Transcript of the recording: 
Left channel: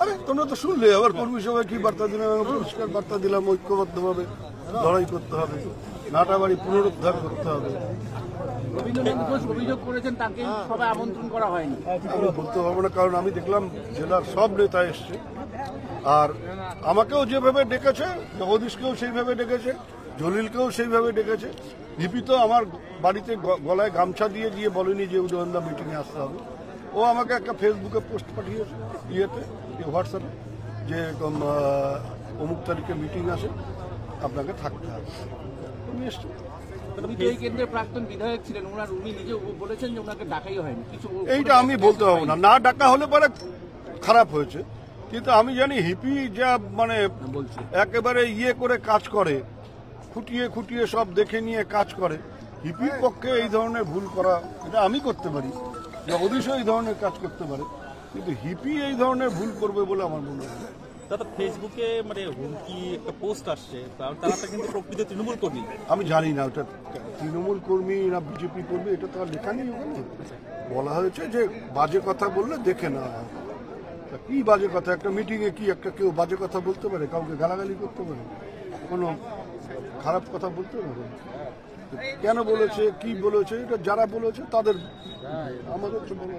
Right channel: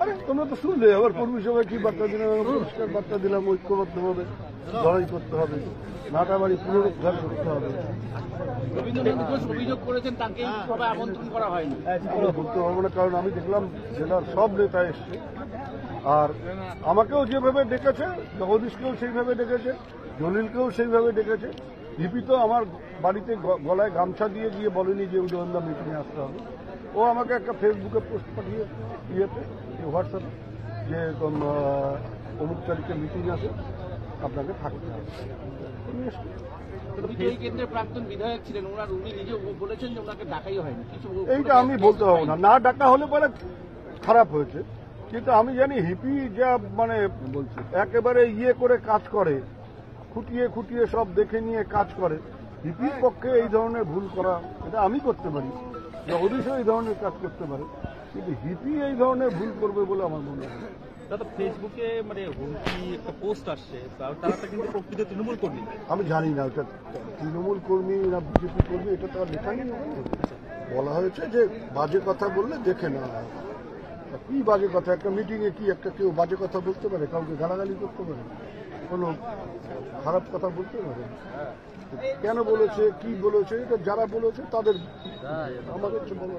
আরে তোমরা তো শুনলে আবার কর্মী সভায় কি বার্তা দিলাম, পরিষ্কার বার্তা দিলাম, ঐক্যবদ্ধভাবে লড়াই করতে হবে, নাটাবাড়ি পুনরুদ্ধার করতে হবে। রবীন্দ্রনাথ ঘোষ অভিযোগ করেছেন তাকে সভায় আমন্ত্রণ করা হয়নি। আমি বলতে পারবো না, কারণ আমি দেখলাম জেলার সব নেতা এসছে, আর আমাকেও যেভাবে ডেকেছে, মহদিসকেও সেইভাবে ডেকেছে, জলিলকেও সেইভাবে ডেকেছে। লিপি তো আমার বাড়িতে গলায় গামছা দিয়ে গিয়ে বলেনি যে উদয়নদা মিটিংয়ে আসতে হবে। ও আমাকে একটা ফেসবুকে পোস্ট পাঠিয়েছে, হোয়াটসঅ্যাপে, যে অমুক তারিখে মিটিং আছে, আপনাকে থাকতে হবে। আমি এসছি। বিজয়ী কেন্দ্রের প্রাক্তন বিধায়ক ছিলেন, উনি নিজে বলেছেন যে ওনাকে ডাকাই হয়নি। কিছু এইটা আমি বলতে পারবো না, না ডাকা হলে পরে খারাপ হয়েছে, কিন্তু আমি জানি হিপি যা মানে একেবারে করে কাজ করে, খুঁটিয়ে খুঁটিয়ে সব দেখে নিয়ে কাজ করে। হিপির পক্ষে এই ধরনের ভুল করা, এটা আমি করতে পারি, অবশ্যই এই ধরনের কাজ করতে পারে, কিন্তু হিপি এই ধরনের ভুল করবে বলে আমার মনে হয় না। দাদা ফেসবুকে মানে হুমকি একটা পোস্ট আসছে, তারা তো কিন্তু প্রকৃত তৃণমূল কর্মী। আমি জানি না ওটা তৃণমূল কর্মী না বিজেপি কর্মী, এটা তো আর লেখা নেই। বলা হয়েছে যে বাজে কথা বললে দেখে না। কি বাজে কথা? একটা মিটিংয়ে কি একটা কেউ বাজে কথা বলতে পারে? কাউকে গালাগালি করতে পারে? কোনো খারাপ কথা বলতে পারে? কেন বলেছে, কি বলেছে, এটা যারা বলেছে তাদের, আমাদের তো বলা